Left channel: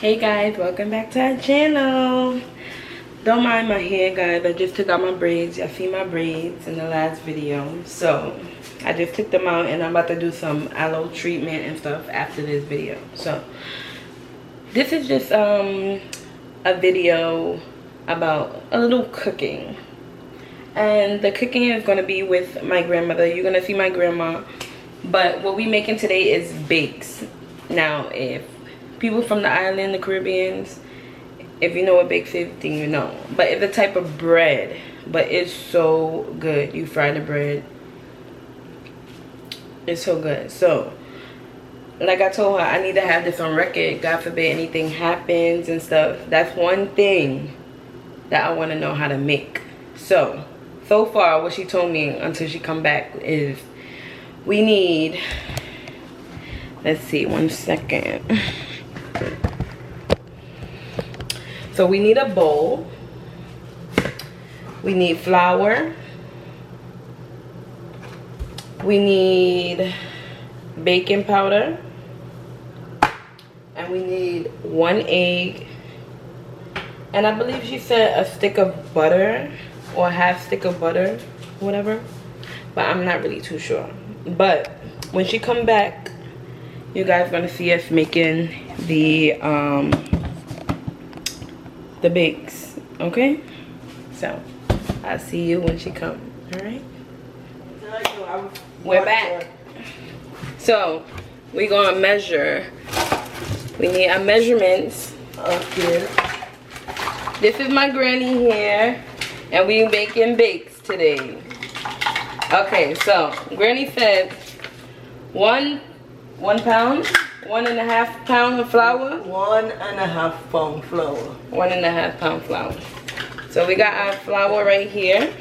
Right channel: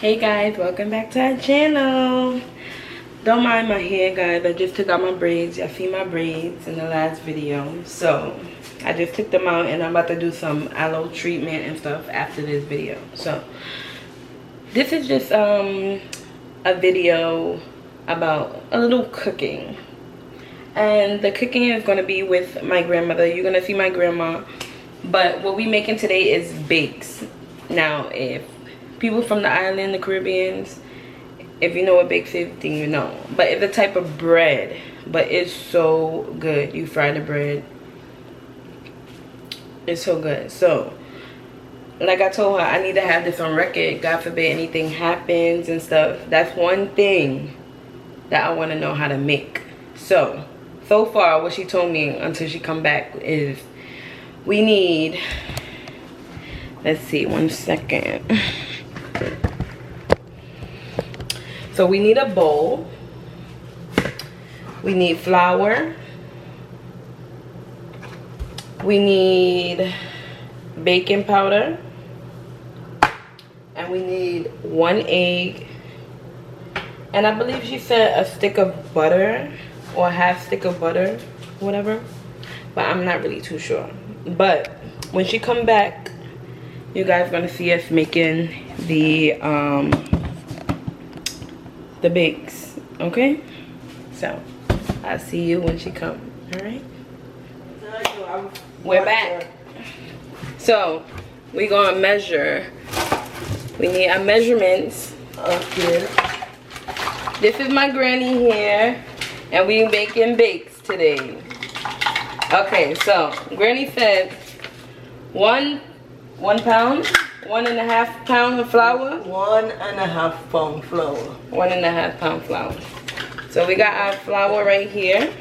Hey guys, welcome back to our channel. Don't mind my hair, guys. I just took out my braids. Y'all see my braids in the last video. So I just took them out and I'm about to do some aloe treatment and stuff after this video. So this is just a video about a little cooking. And the cooking is going to be with my grandmother. You're going to see my grandma. But what we making today is bakes. Now, if people from the island, the Caribbeans, if you know what bakes is, then you know. But it's a type of bread. But it's so good. You fry the bread. It's so good. So, like I told her, I need to have this on record. God forbid anything happens and stuff. That's one thing that I want to know how to make. So far what she told me until she come back is we need, let's see, 1 second. So we need a bowl. We need flour. We need baking powder. And we need 1 egg. And I believe she said a stick of butter or a half stick of butter, whatever. But I'm not really too sure. But when she come back, you guys gonna see us making the bakes, okay? So I'll see you when she come. All right, we're back. So we're gonna measure. We need our measurements. Okay, this is my granny here and we making bakes today. Okay, so granny said one pound, 1.5 pound of flour. 1.5 pound flour. 1.5 pound flour. So we got our flour right here.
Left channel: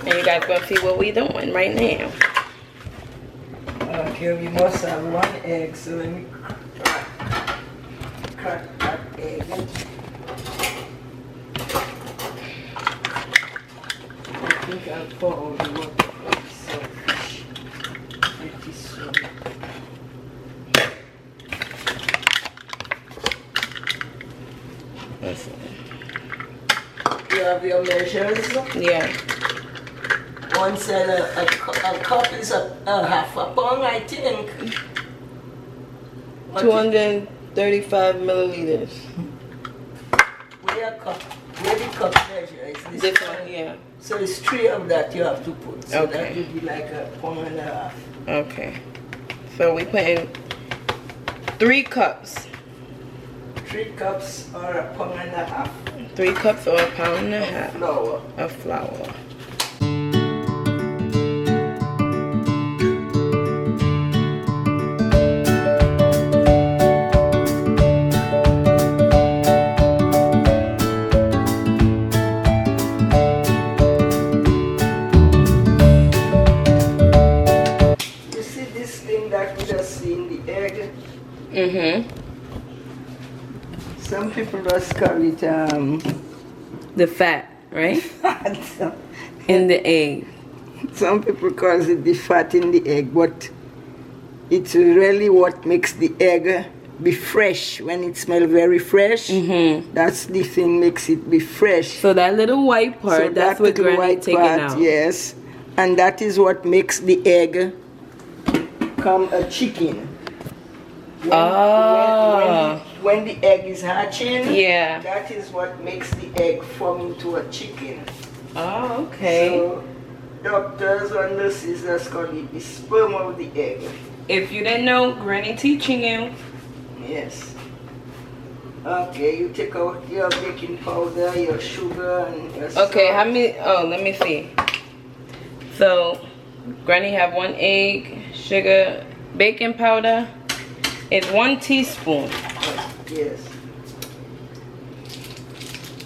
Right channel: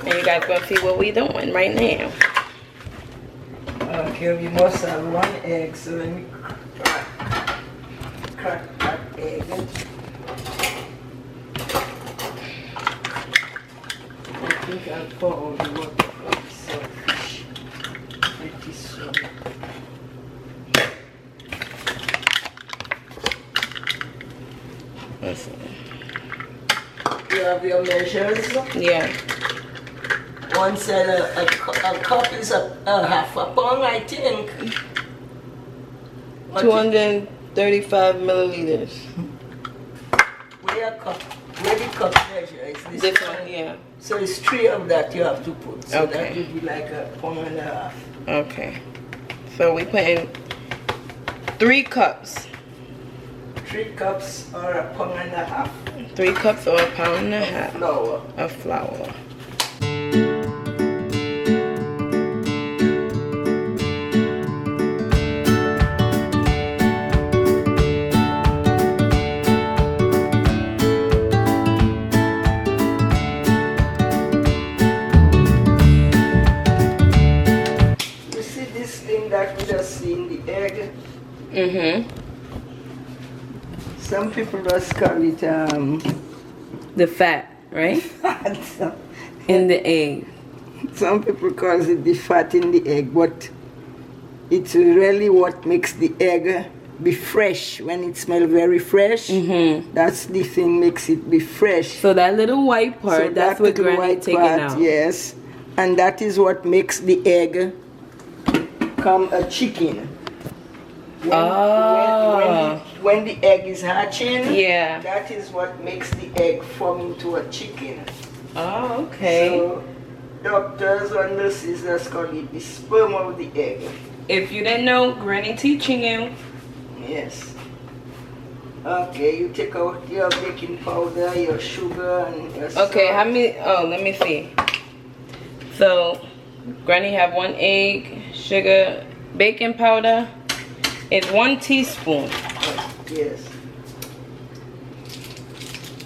And you guys gonna see what we doing right now. Okay, we must have 1 egg, so let me crack that egg. I think I'll pour all the water from the selfish. It is so. Listen. You have your measures? Yeah. One said a cup is a half a pound, I think. 235 milliliters. Where the cup measure is This one, yeah. So it's 3 of that you have to put. So Okay. that would be like 1.5 pounds. Okay. So we put in 3 cups. 3 cups or 1.5 pounds. 3 cups or 1.5 pounds Flour. of flour. You see this thing that we just see in the egg? Mm-hmm. Some people just call it The fat, right? In the egg. some people call it the fat in the egg, but it's really what makes the egg be fresh. When it smells very fresh, that's the thing makes it be fresh. So that little white part, So that's that what little Granny white taking part, out. yes, and that is what makes the egg come a chicken. When the egg is hatching, Yeah. that is what makes the egg form into a chicken. Oh, okay. So doctors and nurses just call it the sperm of the egg. If you didn't know, Granny teaching you. Yes. Okay, you take out your baking powder, your sugar, and your salt. Okay, how many? Oh, let me see. So, Granny have 1 egg, sugar, baking powder. It's 1 teaspoon. Yes.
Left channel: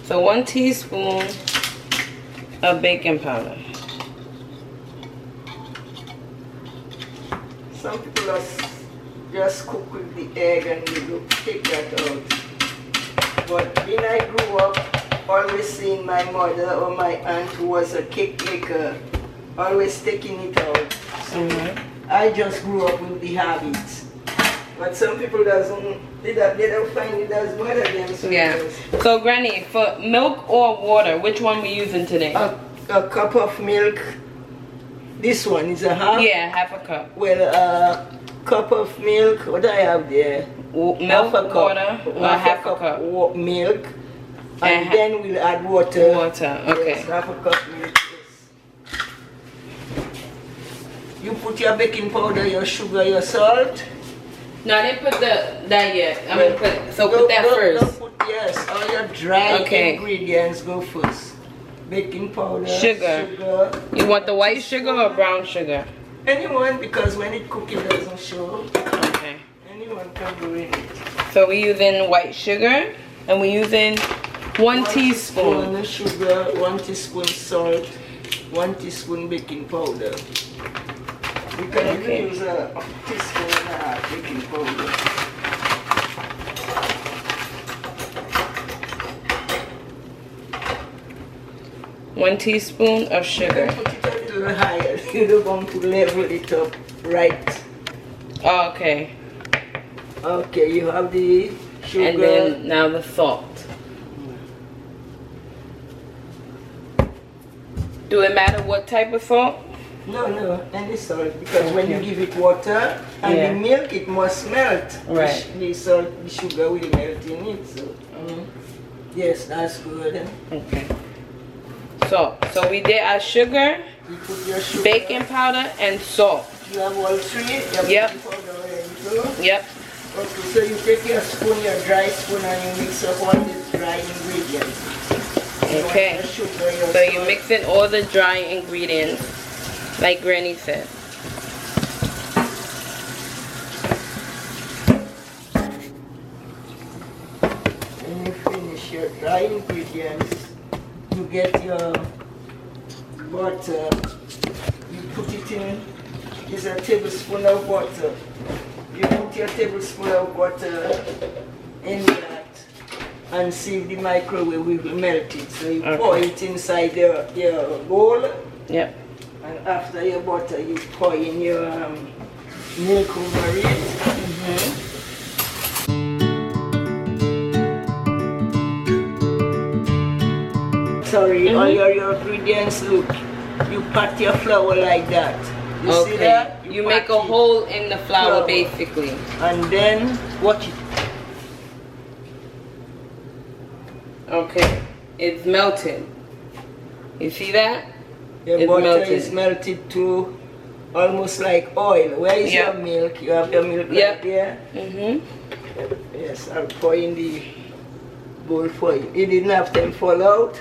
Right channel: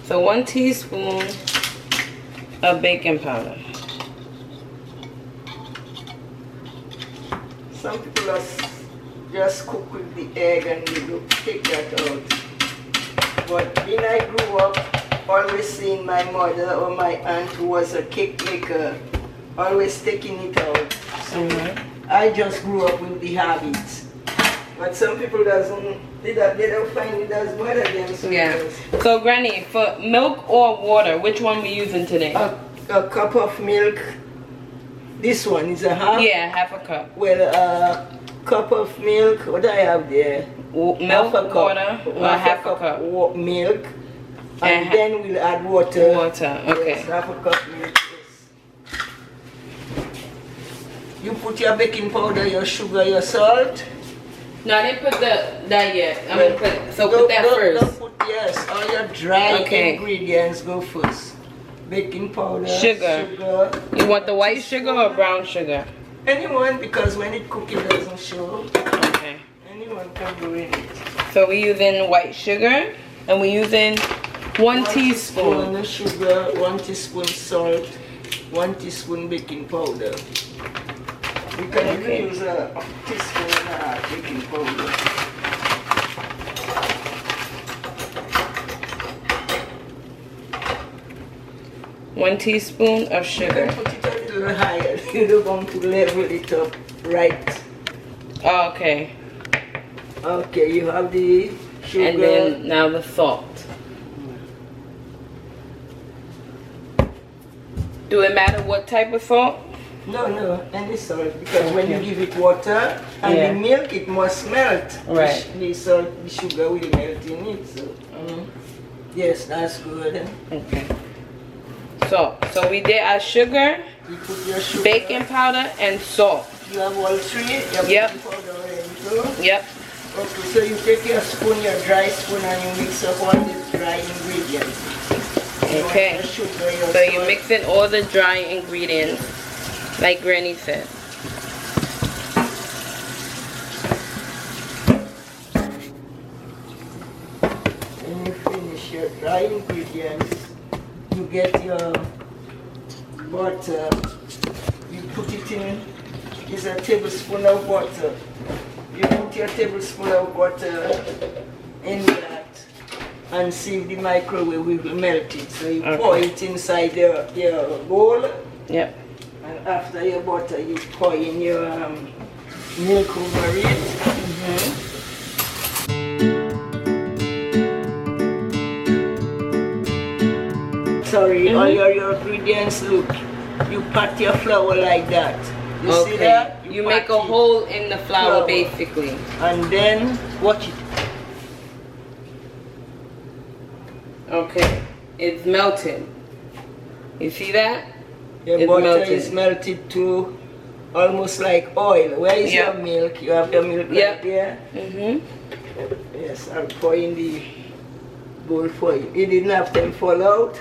So 1 teaspoon of baking powder. Some people just cook with the egg and they don't take that out. But when I grew up, always seeing my mother or my aunt who was a cake maker, always taking it out. So I just grew up with the habit. But some people they don't find it as bother them. So Yeah. So Granny, for milk or water, which one we using today? A cup of milk. This one is a half. Yeah, half a cup. Well, a cup of milk. What do I have there? Milk, water, or half a cup. Milk. And then we'll add water. Water, okay. Yes, half a cup milk. Yes. You put your baking powder, your sugar, your salt. No, I didn't put that yet. I'm gonna put that first. Yes, all your dry Okay. ingredients go first. Baking powder, Sugar. You want the white sugar or brown sugar? Anyone, because when it cooks it doesn't show. Okay. Anyone can do it. So we're using white sugar and we're using one teaspoon. Sugar, 1 teaspoon salt, 1 teaspoon baking powder. You can even use a teaspoon and a half baking powder. One teaspoon of sugar. Put it a little higher. You don't want to level it up right. Oh, okay. Okay, you have the sugar. And then now the salt. Do it matter what type of salt? No, any salt. Because when you give it water and the milk, it must melt. Right. The salt, the sugar will melt in it. So, yes, that's good. Okay. So we did our sugar, You put your sugar. baking powder, and salt. You have all three. Yep. Powder already, so. Yep. Okay, so you take your spoon, your dry spoon, and you mix up all the dry ingredients. Okay. Your sugar, your So you're salt. mixing all the dry ingredients, like Granny said. When you finish your dry ingredients, you get your butter. You put it in. It's a tablespoon of butter. You put your tablespoon of butter in that and see if the microwave will melt it. So you pour it inside your bowl. Yep. And after your butter, you pour in your milk over it. Sorry, all your ingredients, look. You pat your flour like that. You see that? You make a hole in the flour, basically. And then, watch it. Okay. It's melted. You see that? Your It's butter melted. is melted to almost like oil. Where is your milk? You have your milk right there? Yes, I'll pour in the bowl for you. It didn't have time fall out.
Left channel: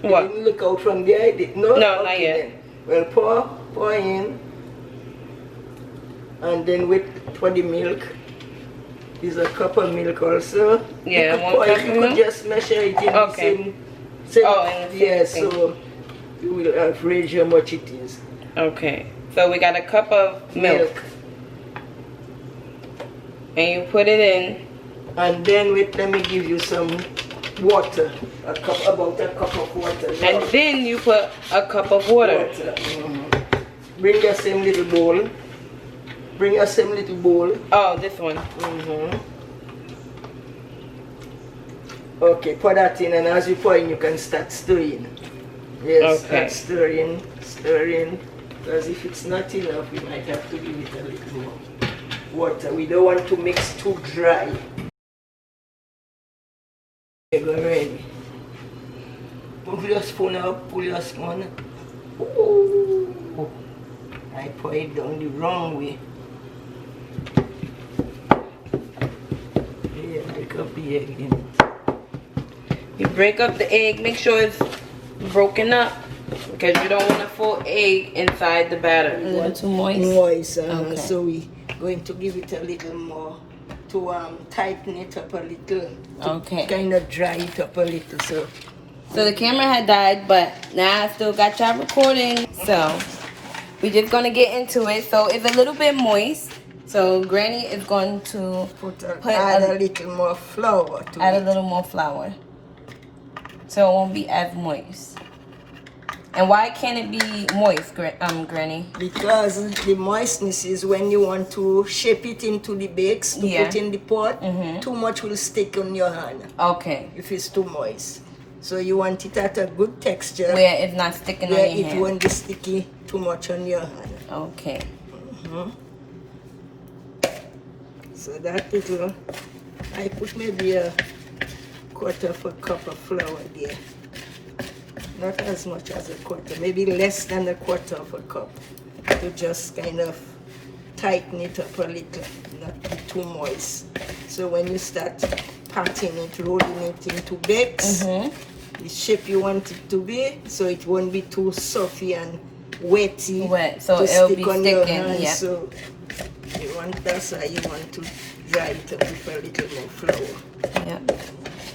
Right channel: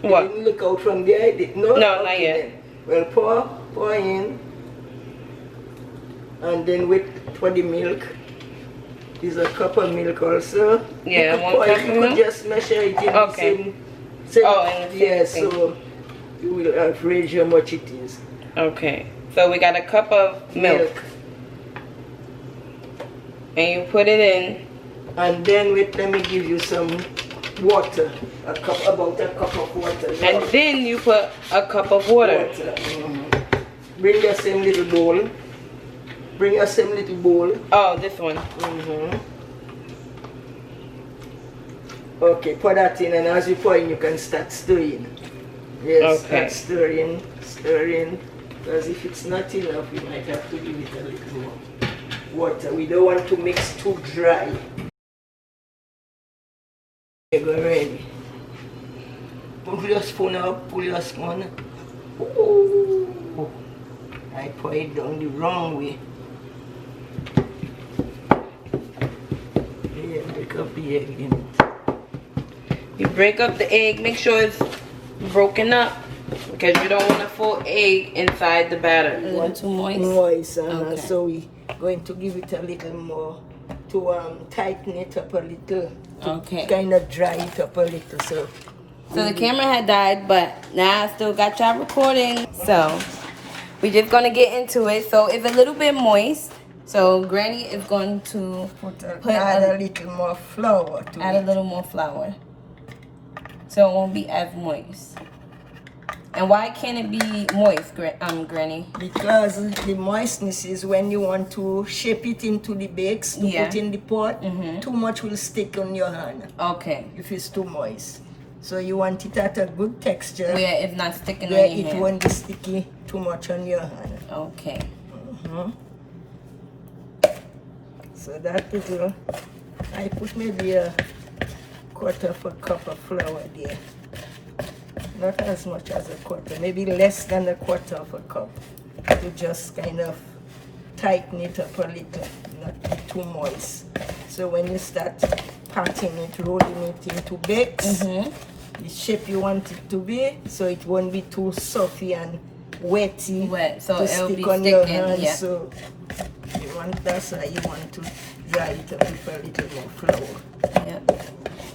What? You didn't look out from there? It did, no? No, not yet. Then. Well, pour in. And then wait for the milk. Is a cup of milk also. Yeah, you 1 cup of you milk? could just measure it in the same, in the same thing. so you will average how much it is. Okay. So we got a cup of milk. And you put it in. And then wait, let me give you some water. About a cup of water. And then you put a cup of water. Bring your same little bowl. Bring your same little bowl. Oh, this one. Okay, pour that in, and as you pour in, you can start stirring. Yes, Okay. start stirring. Because if it's not enough, we might have to give it a little more water. We don't want to mix too dry. Okay, go ready. Pull your spoon out, pull your spoon. Ooh. I pour it down the wrong way. Yeah, break up the egg in. You break up the egg, make sure it's broken up because you don't want a full egg inside the batter. A little too moist. Moist, so we going to give it a little more to tighten it up a little. Okay. Kind of dry it up a little. So the camera had died, but now I still got y'all recording. So we're just gonna get into it. So it's a little bit moist. So Granny is going to add a little more flour to add it. a little more flour, so it won't be as moist. And why can't it be moist, Granny? Because the moistness is when you want to shape it into the bakes to put in the pot. Too much will stick on your hand. Okay. If it's too moist. So you want it at a good texture. Where it's not sticking on your hand. Where it won't be sticky too much on your hand. Okay. So that little, I put maybe a quarter of a cup of flour there. Not as much as a quarter, maybe less than a quarter of a cup, to just kind of tighten it up a little, not be too moist. So when you start patting it, rolling it into bakes, the shape you want it to be, so it won't be too soft and wetty so to stick on your hand. Yeah. So that's why you want to dry it up with a little more flour. Yeah.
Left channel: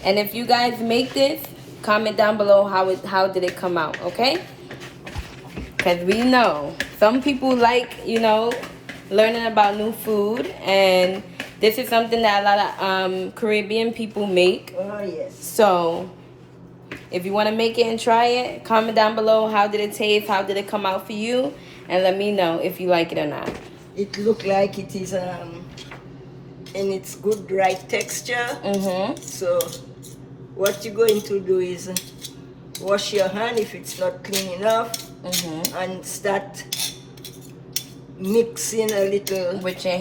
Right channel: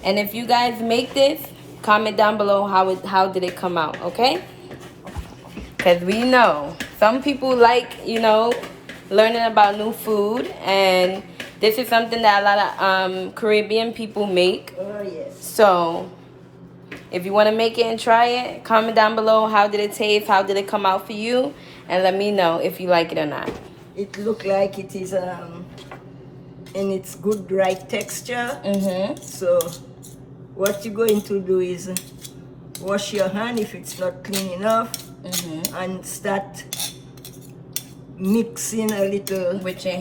And if you guys make this, comment down below how did it come out, okay? Because we know some people like, you know, learning about new food, and this is something that a lot of Caribbean people make. Oh, yes. So if you want to make it and try it, comment down below how did it taste, how did it come out for you, and let me know if you like it or not. It look like it is in its good right texture. So what you're going to do is wash your hand if it's not clean enough, and start mixing a little with your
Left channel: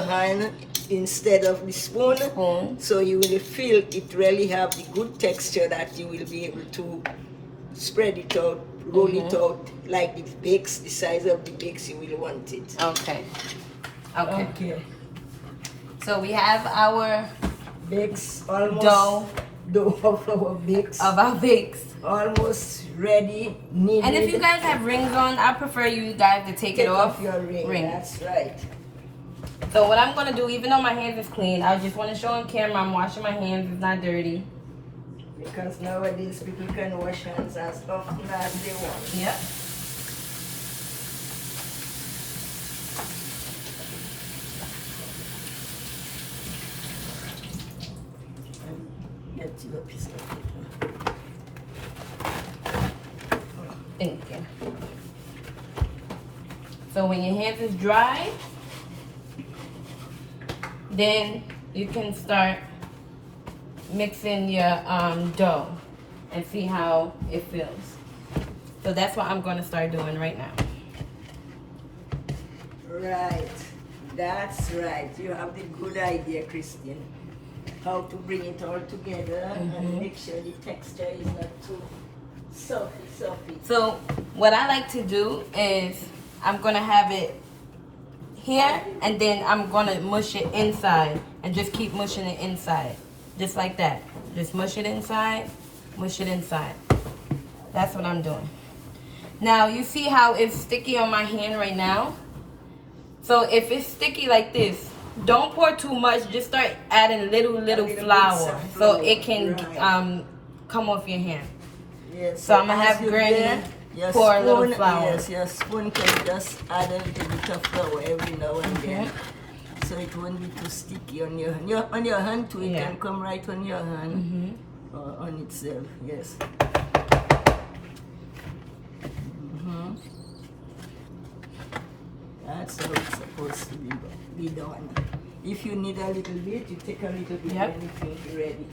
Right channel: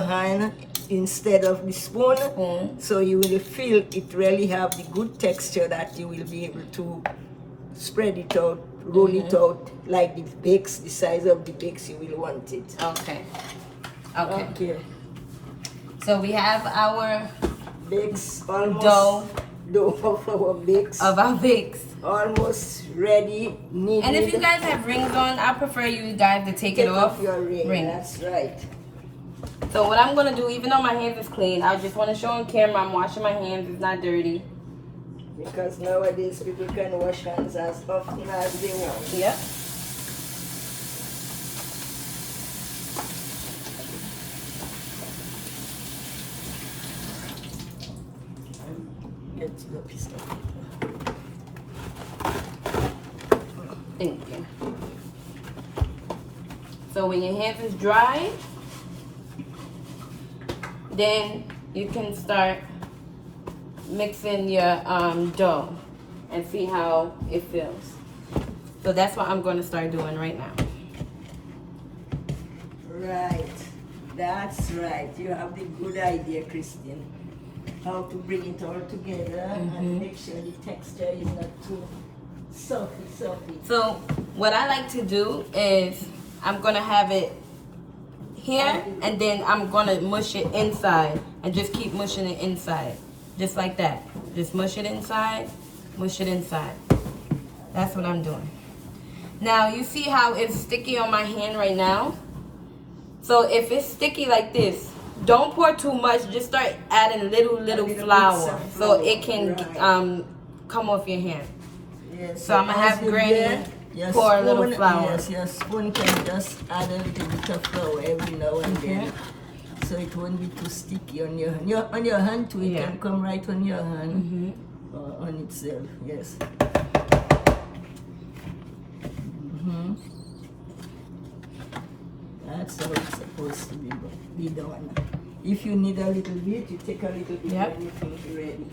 hand, instead of the spoon. So you will feel it really have the good texture that you will be able to spread it out, roll it out like the bakes, the size of the bakes you will want it. Okay. So we have our bakes almost dough of our bakes. Almost ready, kneaded. And if you guys have rings on, I prefer you guys to take it off. Your ring. That's right. So what I'm gonna do, even though my hands is clean, I just want to show on camera I'm washing my hands. It's not dirty. Because nowadays people can wash hands as often as they want. Yep. Get you a piece of paper. Thank you. So when your hands is dry, then you can start mixing your dough and see how it feels. So that's what I'm going to start doing right now. Right. That's right. You have the good idea, Christine. How to bring it all together and make sure the texture is not too soft. So what I like to do is I'm going to have it here, and then I'm going to mush it inside and just keep mushing it inside. Just like that. Just mush it inside, mush it inside. That's what I'm doing. Now, you see how it's sticky on my hand right now? So if it's sticky like this, don't pour too much. Just start adding little flour so it can come off your hand. Yes. So I'm going to have Granny pour a little flour. Yes, your spoon can just add a little bit of flour every now and then. So it won't be too sticky on your hand too. It can come right on your hand on itself. Yes. That's how it's supposed to be done. If you need a little bit, you take a little bit and it will be ready.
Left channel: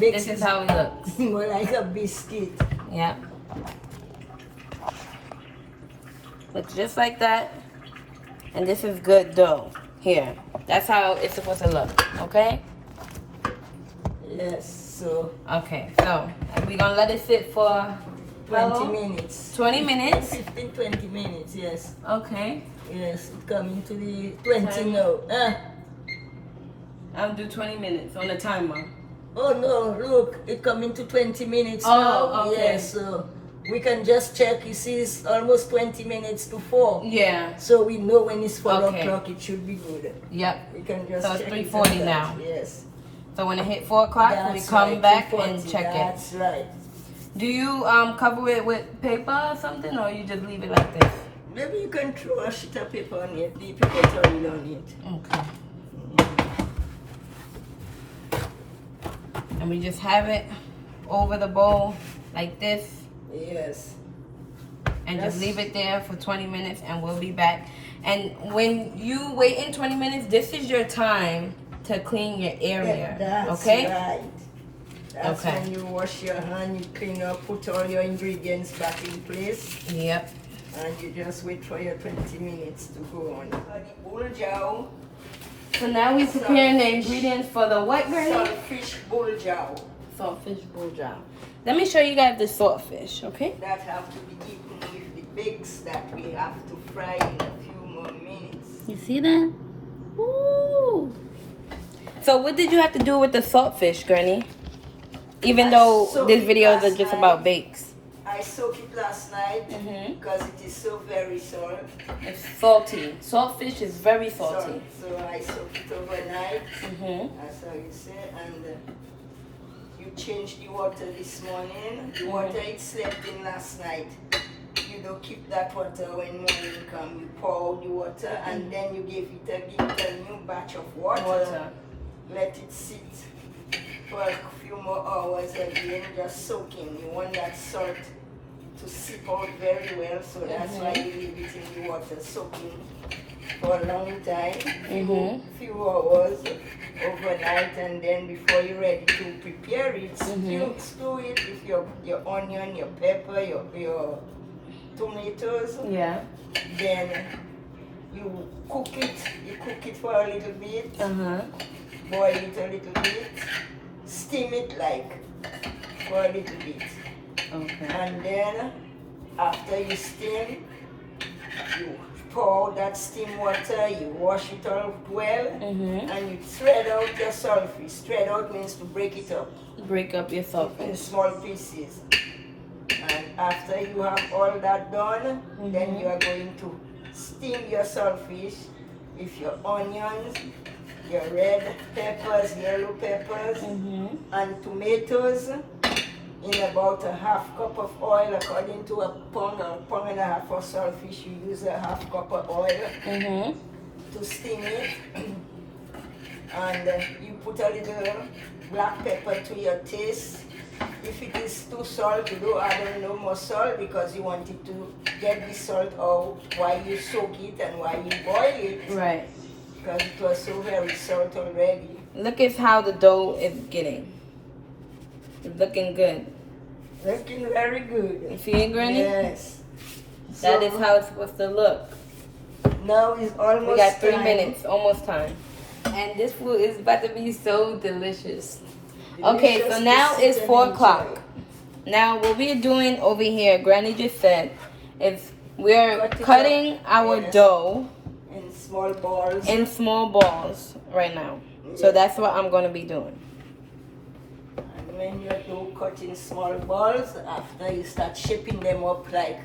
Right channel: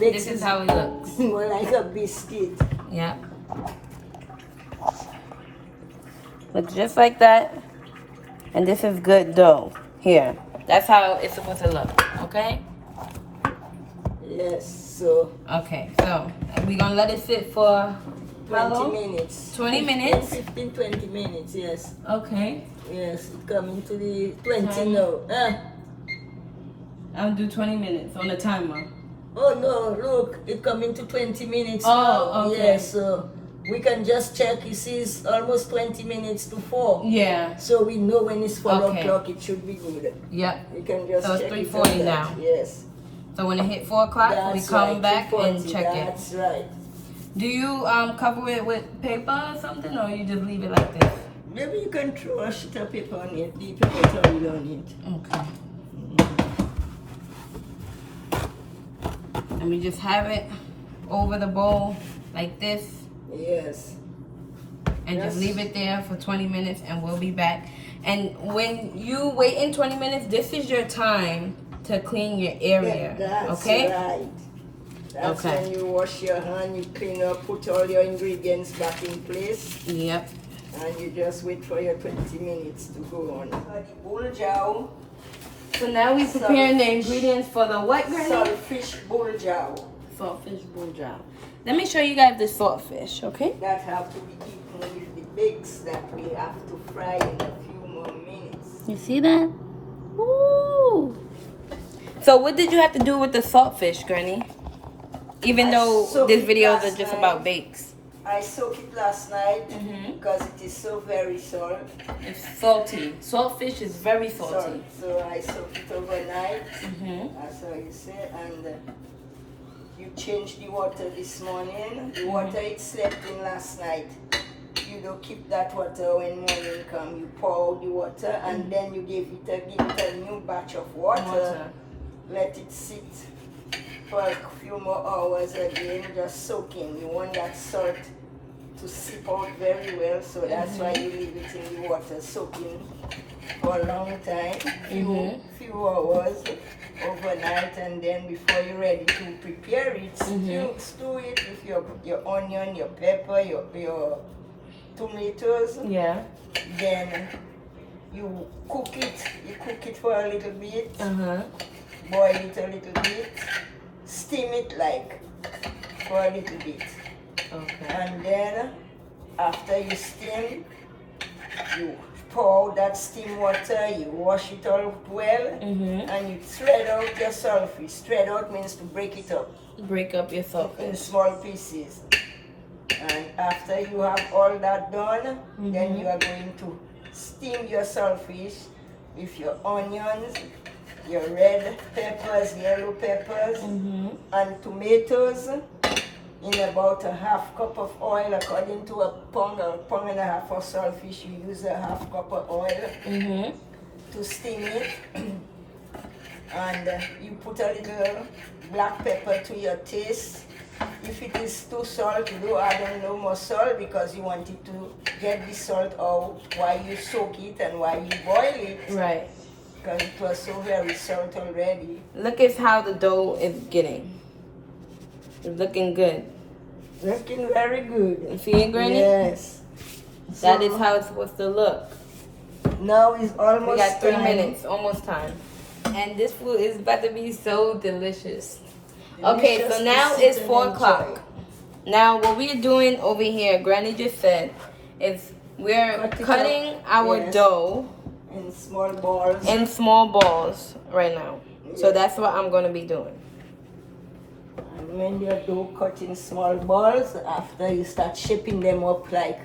This is how it looks. More like a biscuit. Yeah. Looks just like that. And this is good dough. Here. That's how it's supposed to look. Okay? Yes, so. Okay, so we're going to let it sit for 20 minutes. 20 minutes? 15, 20 minutes, yes. Okay. Yes, it's coming to the 20 now. I'll do 20 minutes on the timer. Oh no, look, it coming to 20 minutes Oh, now. okay. Yes, so we can just check. You see, it's almost 20 minutes to 4. Yeah. So we know when it's 4 Okay. o'clock, it should be good. Yep. You can just So it's check 3:40 it now. Yes. So when it hit 4 o'clock, we That's come right, back 3:40, and check it. That's right. Do you cover it with paper or something, or you just leave it like this? Maybe you can throw a sheet of paper on it, the paper on it. Okay. And we just have it over the bowl like this. Yes. And just leave it there for 20 minutes and we'll be back. And when you wait in 20 minutes, this is your time to clean your area. Yeah, that's okay? right. That's Okay. when you wash your hand, you clean up, put all your ingredients back in place. Yep. And you just wait for your 20 minutes to go on. The buljow. So now we're preparing the ingredients for the what, Granny? Saltfish buljow. Saltfish buljow. Let me show you guys the saltfish, okay? That have to be eaten with the bits that we have to fry in a few more minutes. You see that? Ooh. So what did you have to do with the saltfish, Granny? Even though these videos are just about bakes. I soaked it last night because it is so very salt. It's salty. Saltfish is very salty. So I soaked it overnight, as how you say, and you changed the water this morning. The water it slept in last night. You don't keep that water when morning come. You pour out the water and then you give it a new batch of water. Let it sit for a few more hours again, just soaking. You want that salt to seep out very well, so that's why you leave it in the water soaking for a long time, few hours overnight, and then before you're ready to prepare it, you stew it with your onion, your pepper, your tomatoes. Yeah. Then you cook it for a little bit, boil it a little bit, steam it for a little bit. Okay. And then after you steam, you pour out that steam water, you wash it all well, and you thread out your saltfish. Thread out means to break it up. Break up your in saltfish. small pieces. And after you have all that done, then you are going to steam your saltfish with your onions, your red peppers, yellow peppers, and tomatoes in about a half cup of oil. According to a pound or a pound and a half of saltfish, you use a half cup of oil to steam it. And you put a little black pepper to your taste. If it is too salt, you don't add no more salt because you want it to get the salt out while you soak it and while you boil it. Right. Because it was so very salt already. Look at how the dough is getting. It's looking good. Looking very good. You see it, Granny? Yes. That is how it's supposed to look. Now it's almost We got 3 time. minutes, almost time. And this food is about to be so delicious. Okay, so now it's 4 o'clock. Now what we're doing over here, Granny just said, is we're cutting our dough in small balls. in small balls right now. So that's what I'm going to be doing. And when your dough cut in small balls, after you start shaping them up like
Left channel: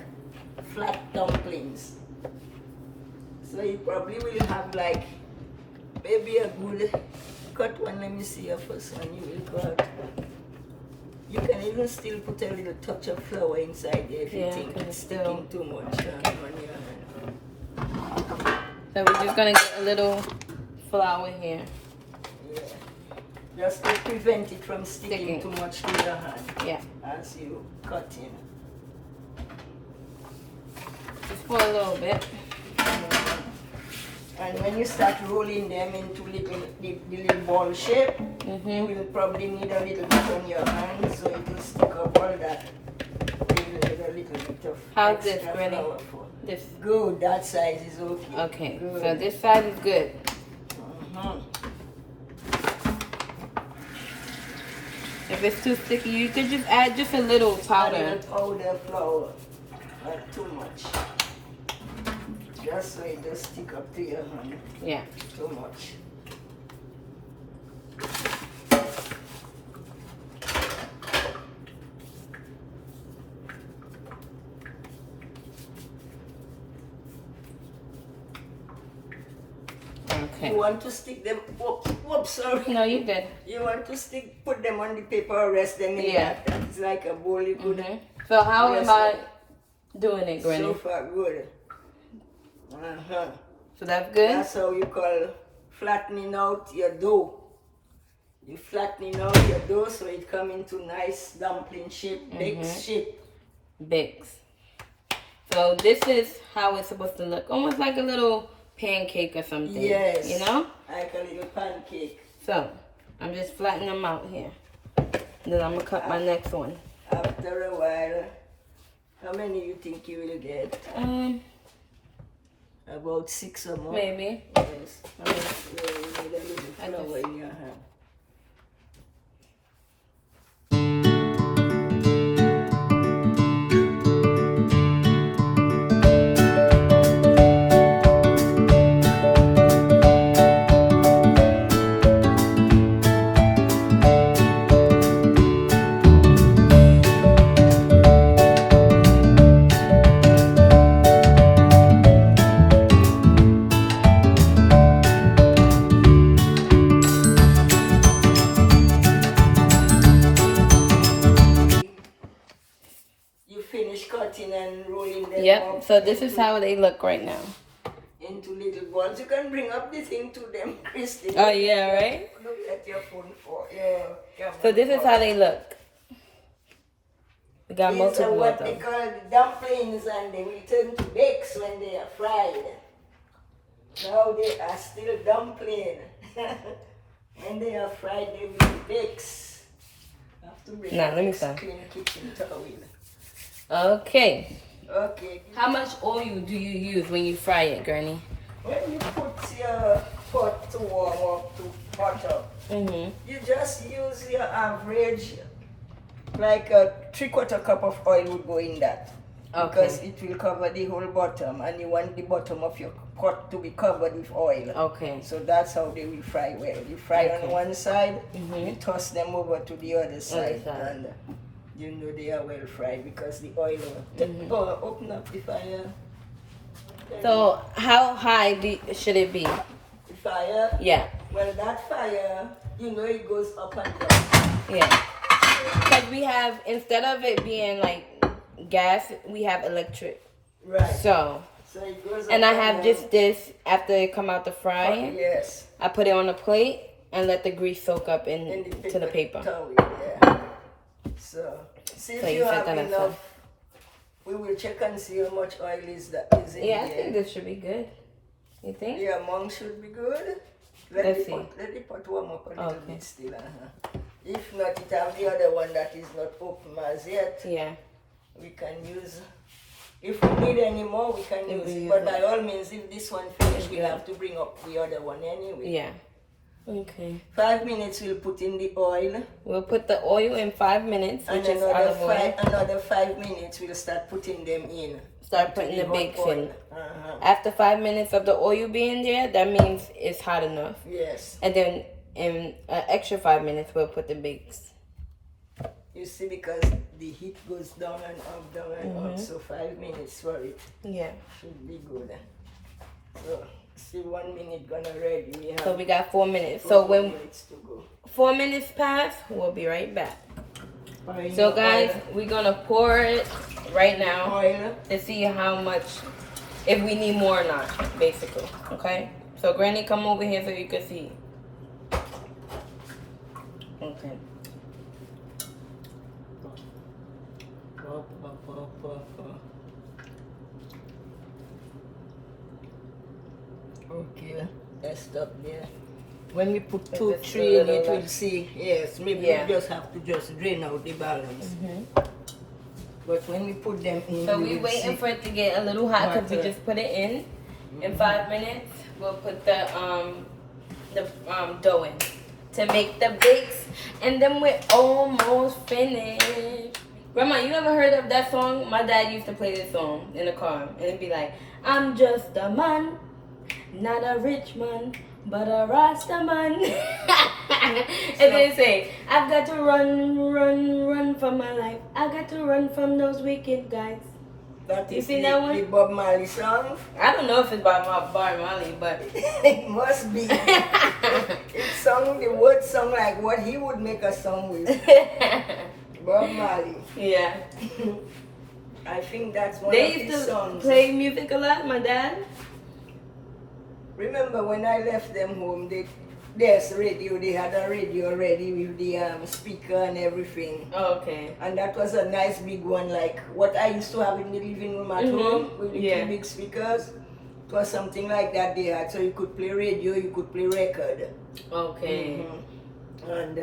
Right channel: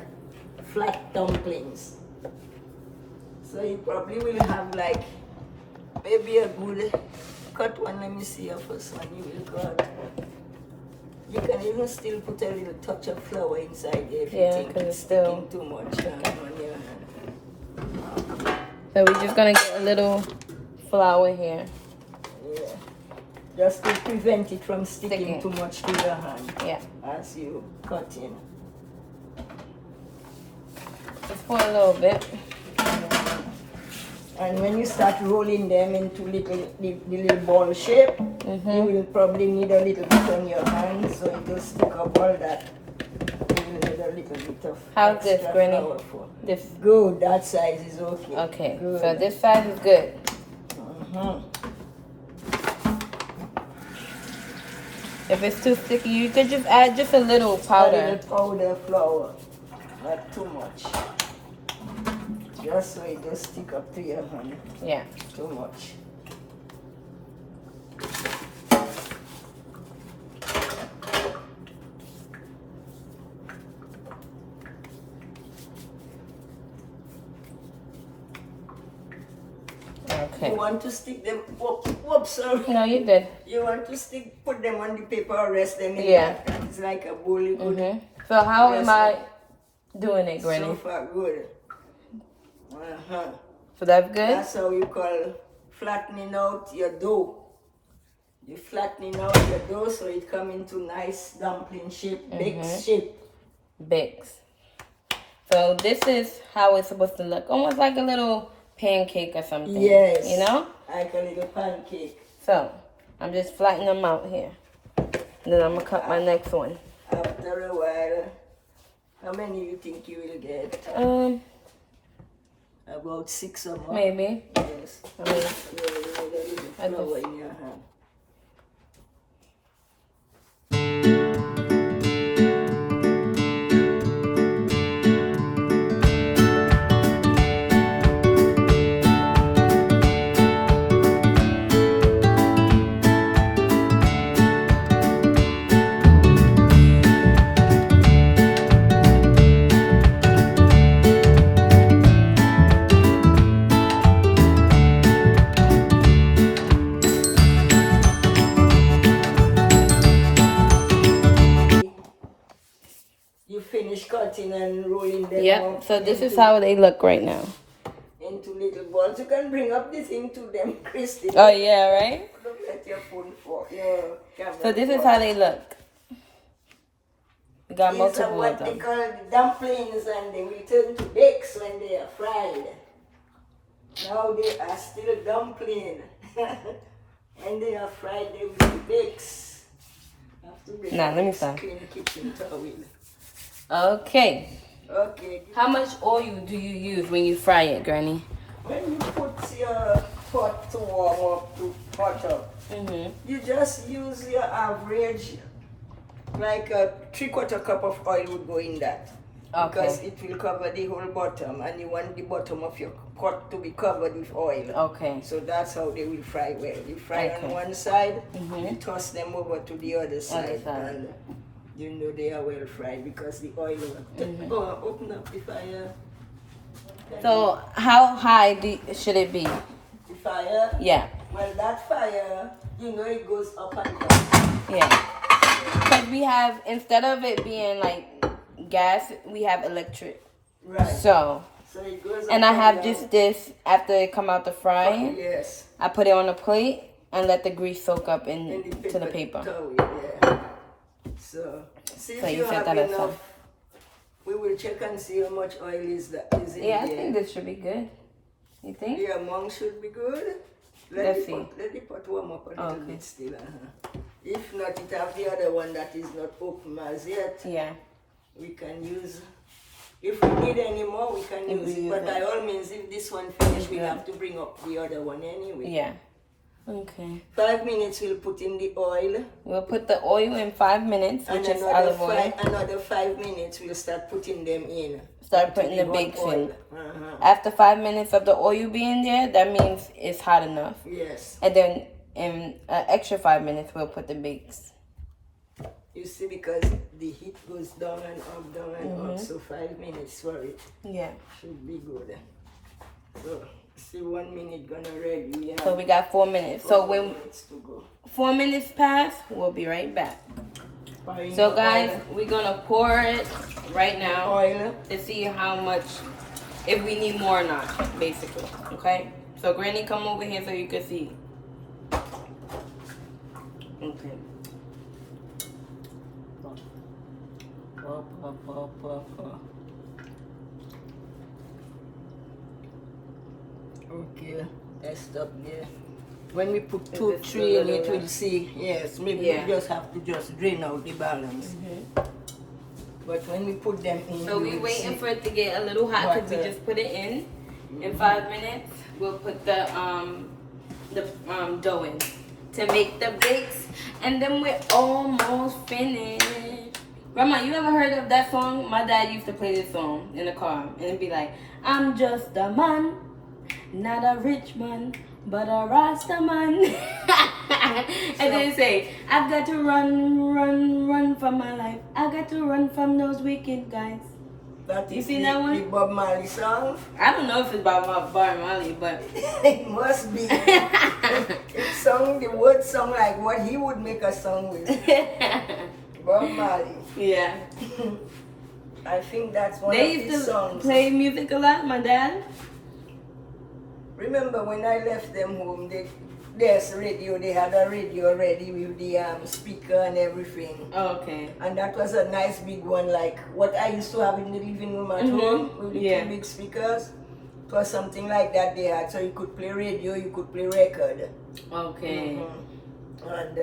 flat dumplings. So you probably will have like maybe a good cut one. Let me see your first one you will cut. You can even still put a little touch of flour inside there if you think it's sticking too much on your hand. So we're just going to get a little flour here. Yeah. Just to prevent it from sticking too much to the hand. Yeah. As you cut in. Just pour a little bit. And when you start rolling them into the little ball shape, you will probably need a little bit on your hands, so it will stick up all that. You need a little bit of How's this, extra Granny? flour for. This. Good, that size is okay. Okay, Good. so this side is good. If it's too sticky, you could just add just a little powder. A little powder flour, not too much. Just so it does stick up to your hand. Yeah. Too much. Okay. You want to stick them, whoops, sorry. No, you did. You want to put them on the paper or rest them in Yeah. that. It's like a bowl you could So how am I doing it, Granny? So far, good. So that's good? That's how you call flattening out your dough. You flattening out your dough so it come into nice dumpling shape, baked shape. Bakes. So this is how it's supposed to look. Almost like a little pancake or something. Yes. You know? Like a little pancake. So I'm just flattening them out here. And then I'm gonna cut my next one. After a while, how many you think you will get? About 6 or more. Maybe. Yes. Yeah, you need a little flour in your hand. Cutting and rolling them up. So this is how they look right now. Into little balls. You can bring up the thing to them, Christy. Oh yeah, right? Look at your phone for your camera. So this is how they look. We got These multiple are of what them. they call the dumplings, and they will turn to bakes when they are fried. Now they are still dumpling. When they are fried, they will be bakes. I have to bring Now let me start. clean kitchen towel. Okay. Okay. How much oil do you use when you fry it, Granny? When you put your pot to warm up, to hot up, you just use your average, like a 3/4 cup of oil would go in that. Okay. Because it will cover the whole bottom, and you want the bottom of your pot to be covered with oil. Okay. So that's how they will fry well. You fry on one side, you toss them over to the other side. And you know they are well fried because the oil will open up the fire. So how high should it be? The fire? Yeah. Well, that fire, you know, it goes up and down. Yeah. Because we have, instead of it being like gas, we have electric. Right. So it goes up and I have down. just this after it come out the frying. Yes. I put it on a plate and let the grease soak up In to the paper. Towel, yeah. So see if you have enough. We will check and see how much oil is in Yeah, I there. think this should be good. You think? The amount should be good. Let the pot warm up a little bit still. If not, it have the other one that is not open as yet. Yeah. We can use. If we need any more, we can use it. But by all means, if this one finished, we'll have to bring up the other one anyway. Yeah. Okay. 5 minutes, we'll put in the oil. We'll put the oil in 5 minutes, which is olive oil. Another 5 minutes, we'll start putting them in. Start putting the bakes in. Uh-huh. After 5 minutes of the oil being there, that means it's hot enough. Yes. And then in an extra 5 minutes, we'll put the bakes. You see, because the heat goes down and up, down and up, so 5 minutes for it. Yeah. Should be good. So, see 1 minute gonna ready. So we got 4 minutes. So when 4 minutes to go. 4 minutes pass, we'll be right back. So guys, we're gonna pour it right now Oil. to see how much, if we need more or not, basically. Okay. So Granny, come over here so you can see. Okay. Okay, let's stop there. When we put 2, 3 in it, we'll see. Yes, maybe we just have to just drain out the balance. But when we put them in, So we waiting for it to get a little hot because we just put it in. In 5 minutes, we'll put the dough in to make the bakes, and then we're almost finished. Grandma, you ever heard of that song? My dad used to play this song in the car, and it'd be like, I'm just a man, not a rich man, but a Rasta man. And they say, I've got to run for my life. I got to run from those wicked guys. That You seen that one? The Bob Marley song? I don't know if it's about Bob Marley, but It must be. It sung, the word song like what he would make a song with. Bob Marley. yeah. I think that's one They of used his to songs. play music a lot, my dad. Remember when I left them home, there's radio, they had a radio ready with the speaker and everything. Oh, okay. And that was a nice big one, like what I used to have in the living room at home with the two big speakers. It was something like that they had, so you could play radio, you could play record. Okay. And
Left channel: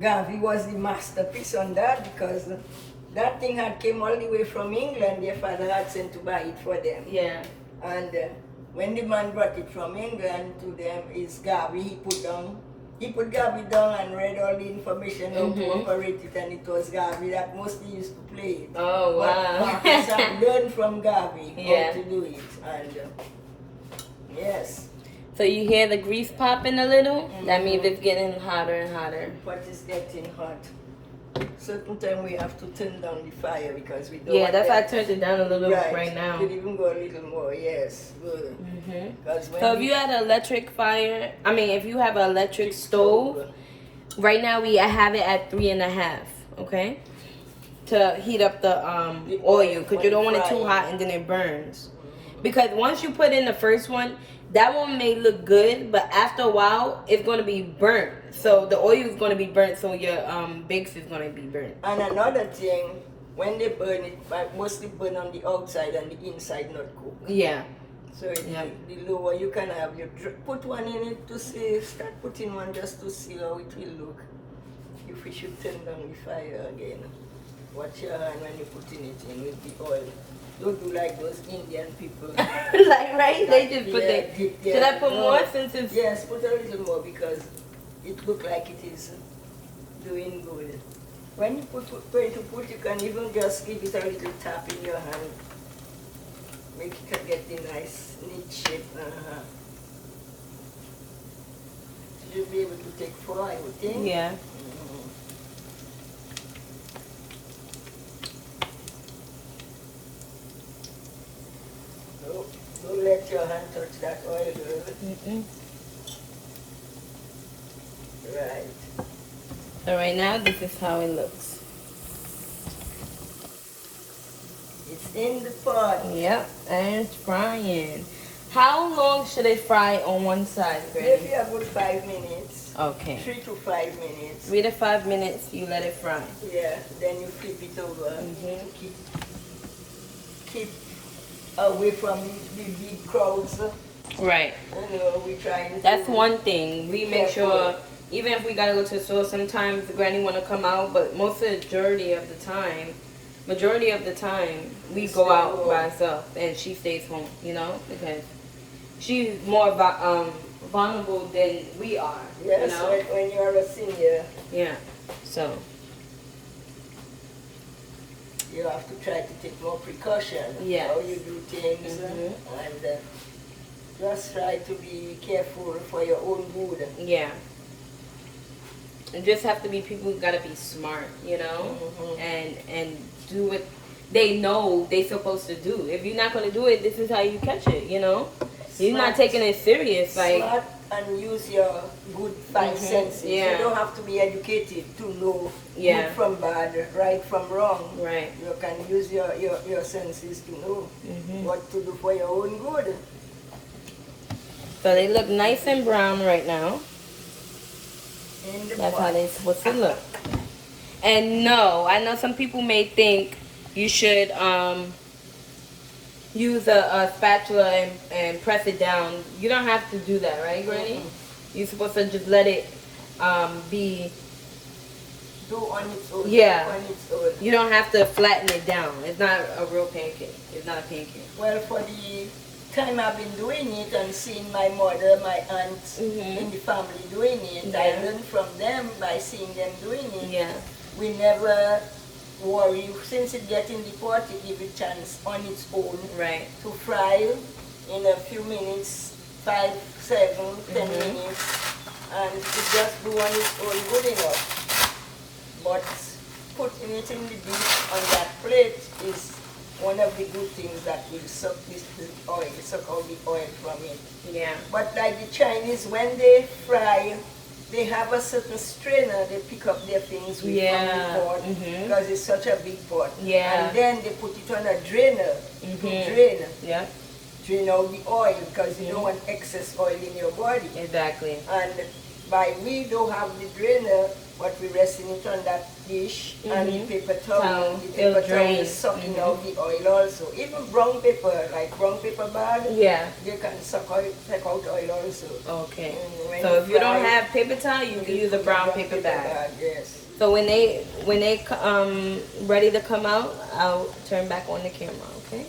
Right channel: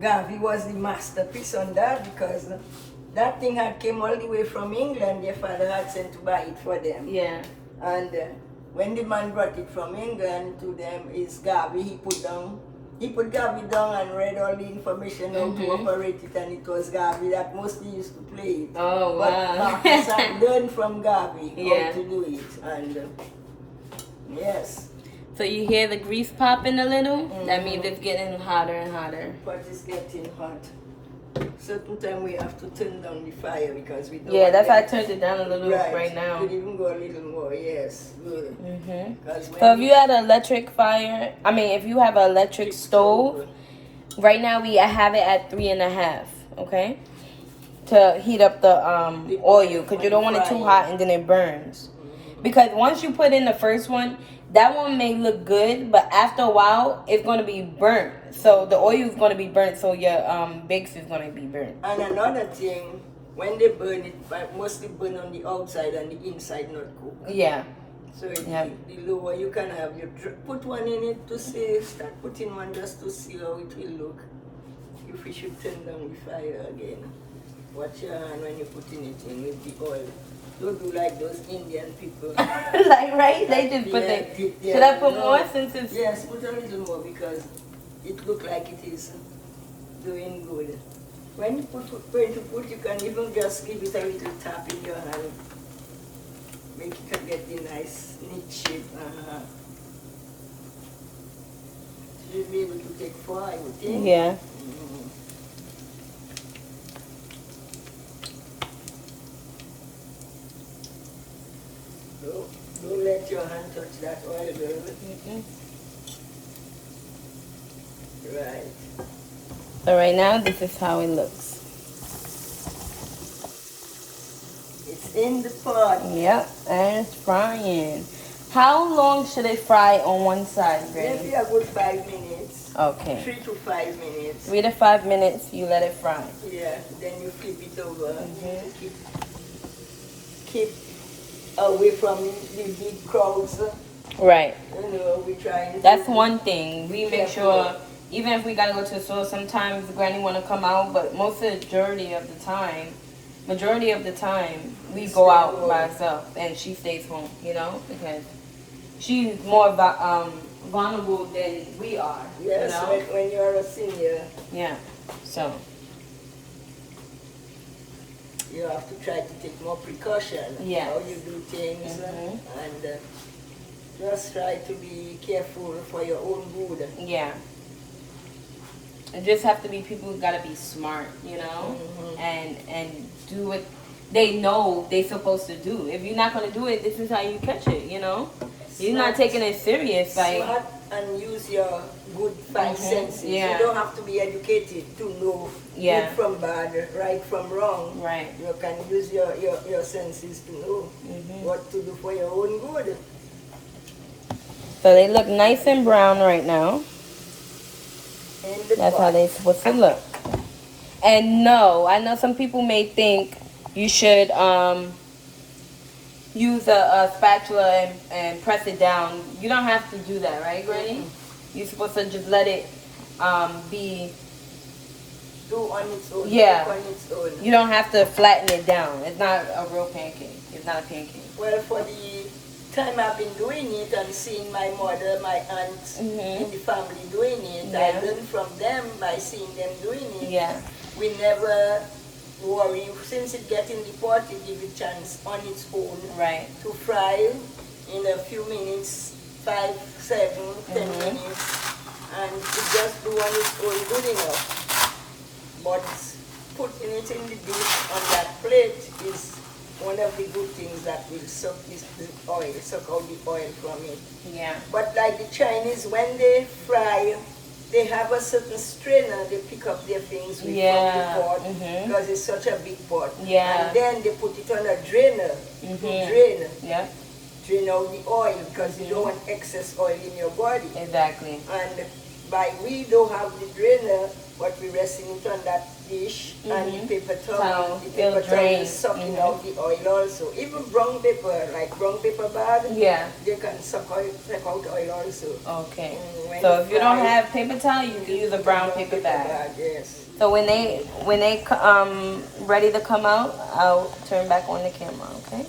Garvey was the masterpiece on that because that thing had came all the way from England. Their father had sent to buy it for them. Yeah. And when the man brought it from England to them, is Garvey. He put Garvey down and read all the information how to operate it, and it was Garvey that mostly used to play it. Oh, wow. But Marcus had learned from Garvey Yeah. how to do it, and yes. So you hear the grease popping a little? That means it's getting hotter and hotter. But it's getting hot. Certain time we have to turn down the fire because we don't. Yeah, want that's why I them- turned it down a little right now. Could even go a little more. Yes, good. Because when So if you had an electric fire, if you have an electric stove, right now I have it at 3.5, okay? To heat up the oil, because you don't want it too hot and then it burns. Because once you put in the first one, that one may look good, but after a while, it's going to be burnt. So the oil is going to be burnt, so your bakes is going to be burnt. And another thing, when they burn it, mostly burn on the outside and the inside not cook. Yeah. So the lower you can have put one in it to see, start putting one just to see how it will look. If we should turn down the fire again. Watch your hand when you're putting it in with the oil. Don't do like those Indian people. Like, right? They just put should I put more since it's... Yes, put a little more because it looks like it is doing good. When you pray to put, you can even just give it a little tap in your hand. Make it get the nice, neat shape. You should be able to take 4, I would think. Yeah. Don't let your hand touch that oil, girl. Right. So right now, this is how it looks. It's in the pot. Yep, and it's frying. How long should it fry on one side, Granny? Maybe a good 5 minutes. Okay. 3 to 5 minutes. 3 to 5 minutes, you let it fry. Yeah, then you flip it over. Keep away from the big crowds. Right. You know, we try. That's one thing. We make sure, even if we gotta go to the store, sometimes Granny wanna come out, but majority of the time, we go out by ourselves and she stays home, because she's more vulnerable than we are. Yes, when you are a senior. Yeah. So. You have to try to take more precaution how you do things and just try to be careful for your own good. Yeah. It just have to be people who gotta be smart, and do what they know they're supposed to do. If you're not gonna do it, this is how you catch it, You're not taking it serious, smart and use your good 5 senses. Yeah. You don't have to be educated to know good from bad, right from wrong. Right. You can use your senses to know what to do for your own good. So they look nice and brown right now. That's how they're supposed to look. And no, I know some people may think you should use a spatula and press it down. You don't have to do that, right, Granny? You're supposed to just let it be dough on its own. Yeah. On its own. You don't have to flatten it down. It's not a real pancake. It's not a pancake. Well, for the time I've been doing it and seeing my mother, my aunts in the family doing it, I learned from them by seeing them doing it. Yeah. We never worry. Since it gets in the pot, it gives it chance on its own Right. to fry in a few minutes, 5, 7, 10 minutes, and it just do on its own good enough. But putting it in the dish on that plate is one of the good things that will suck out the oil from it. Yeah. But like the Chinese, when they fry, they have a certain strainer they pick up their things with from the pot because it's such a big pot. Yeah. And then they put it on a drainer to drain out the oil because you don't want excess oil in your body. Exactly. And we don't have the drainer, but we're resting it on that dish and the paper towel. The paper towel is sucking out the oil also. Even brown paper, like brown paper bag, they can suck out oil also. Okay. So if you don't have paper towel, you can use a brown paper bag. Yes. So when they ready to come out, I'll turn back on the camera. Okay.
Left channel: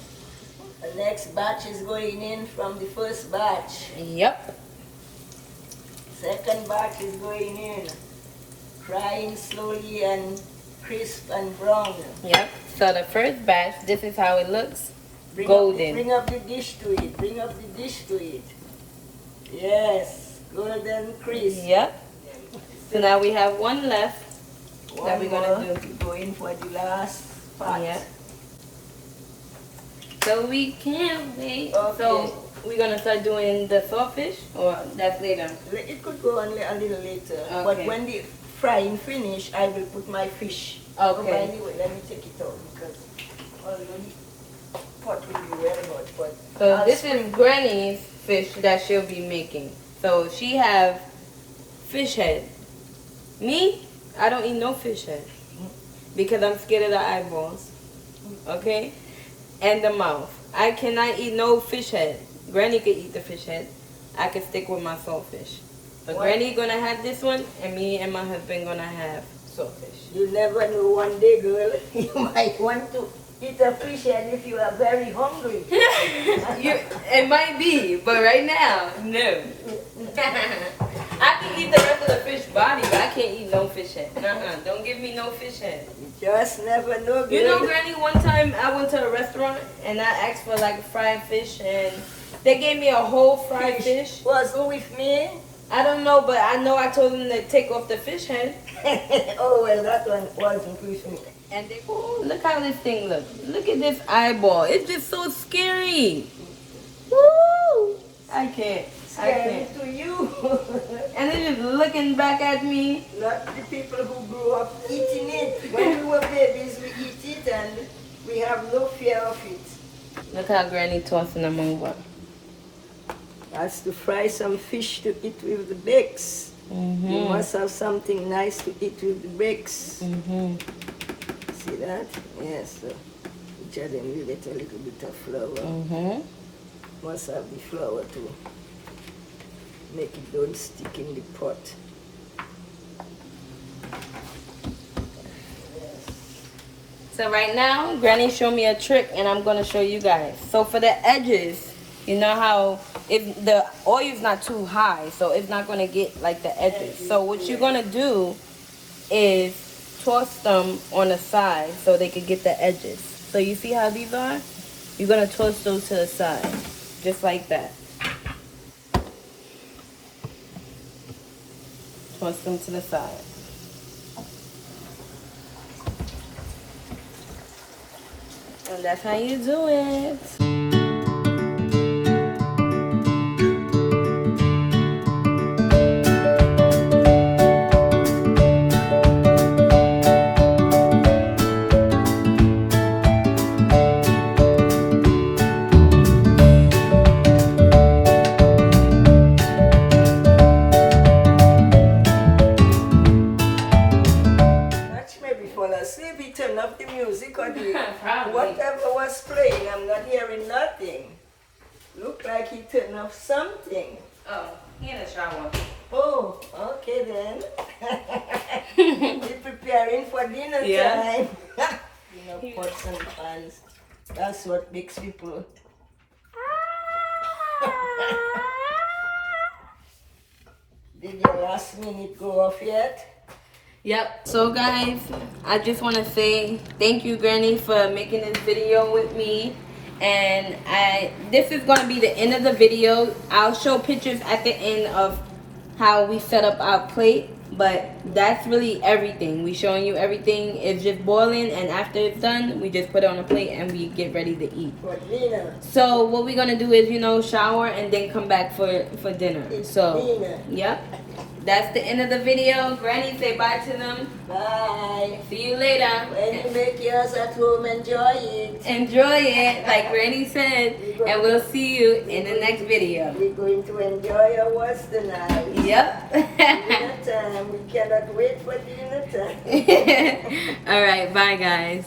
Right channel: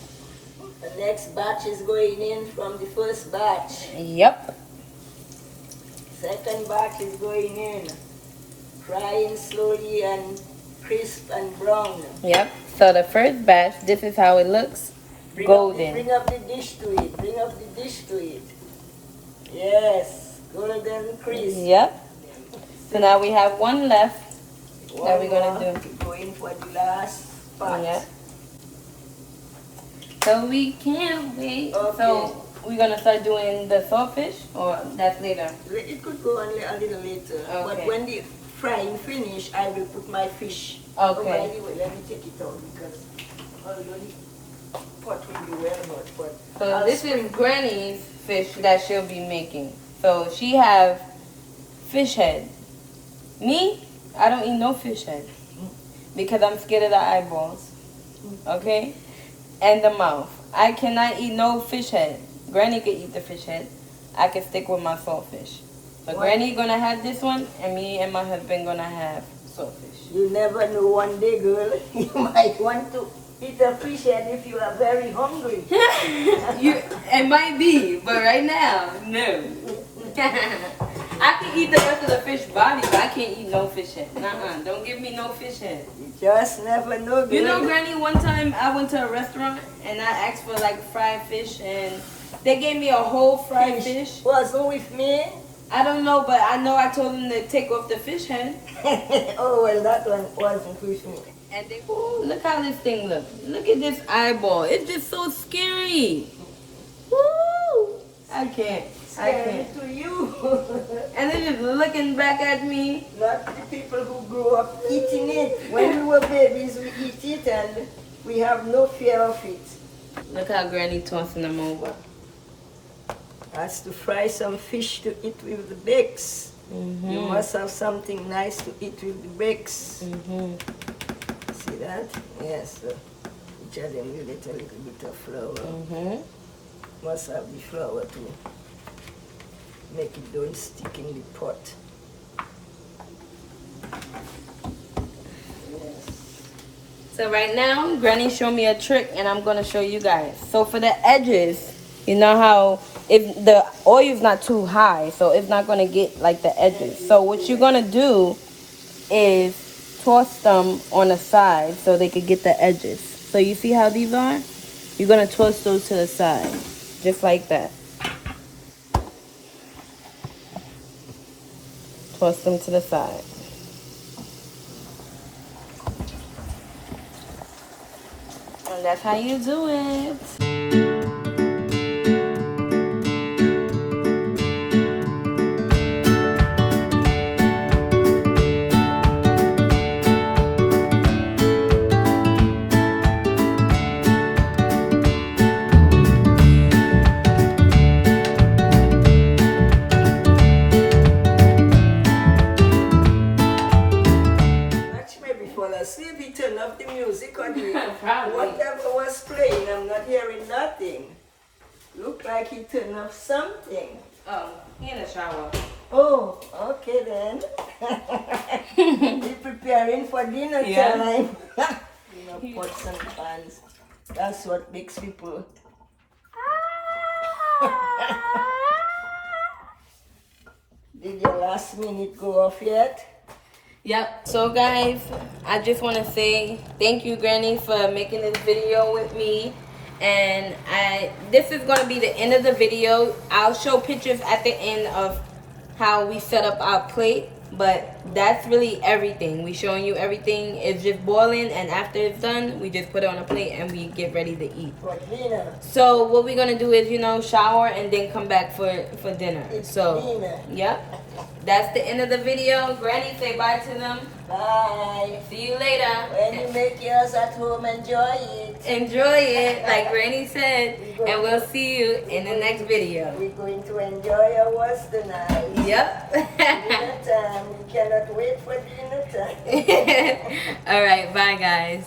The next batch is going in from the first batch. Yep. Second batch is going in. Frying slowly and crisp and brown. Yep. So the first batch, this is how it looks. Bring Golden. up the dish to it. Bring up the dish to it. Yes. Golden crisp. Yep. So now we have one left that we're going to do. Going for the last part. Yeah. So we can't wait. Okay. So we're going to start doing the saltfish, or that's later? It could go on a little later. Okay. But when the frying finish, I will put my fish. Okay. Oh, by the way, let me take it out because although the pot will be well hot. But So this is Granny's fish that she'll be making. So she have fish head. Me, I don't eat no fish head because I'm scared of the eyeballs. Okay? And the mouth. I cannot eat no fish head. Granny could eat the fish head. I can stick with my saltfish. But Granny gonna have this one, and me and my husband gonna have saltfish. You never know, one day, girl, you might want to eat a fish head if you are very hungry. It might be, but right now, no. I can eat the rest of the fish body, but I can't eat no fish head. Don't give me no fish head. You just never know, girl. You know, Granny, one time I went to a restaurant and I asked for like fried fish, and they gave me a whole fried fish. Was who with me? I don't know, but I know I told them to take off the fish head. Oh, well, that one wasn't with me. And they, oh, look how this thing looks. Look at this eyeball. It's just so scary. Woo! I can't. Scary to you. And they're just looking back at me. Not the people who grew up eating it. When we were babies, we eat it and we have no fear of it. Look how Granny tossing them over. That's to fry some fish to eat with the bakes. You must have something nice to eat with the bakes. See that? Yes. So each of them you get a little bit of flour. Must have the flour to make it don't stick in the pot. So right now, Granny showed me a trick, and I'm gonna show you guys. So for the edges, you know how if the oil is not too high, so it's not gonna get like the edges. So what you're gonna do is toss them on the side so they could get the edges. So you see how these are? You're gonna toss those to the side, just like that. Toss them to the side. And that's how you do it. Turn off the music or the whatever was playing. I'm not hearing nothing. Look like he turned off something. Oh, he in the shower. Oh, okay then. He's preparing ready for dinner time. Pots and pans. That's what makes people. Did your last minute go off yet? Yep. So guys, I just want to say thank you, Granny, for making this video with me. And this is going to be the end of the video. I'll show pictures at the end of how we set up our plate, but that's really everything. We showing you everything. It's just boiling, and after it's done, we just put it on a plate and we get ready to eat. For dinner. So what we're gonna do is, you know, shower and then come back for dinner. So yep, that's the end of the video. Granny, say bye to them. Bye. See you later. When you make yours at home, enjoy it. Enjoy it, like Granny said, and we'll see you in the next video. We're going to enjoy ours tonight. Yep. Dinner time. We cannot wait for dinner time. All right, bye guys.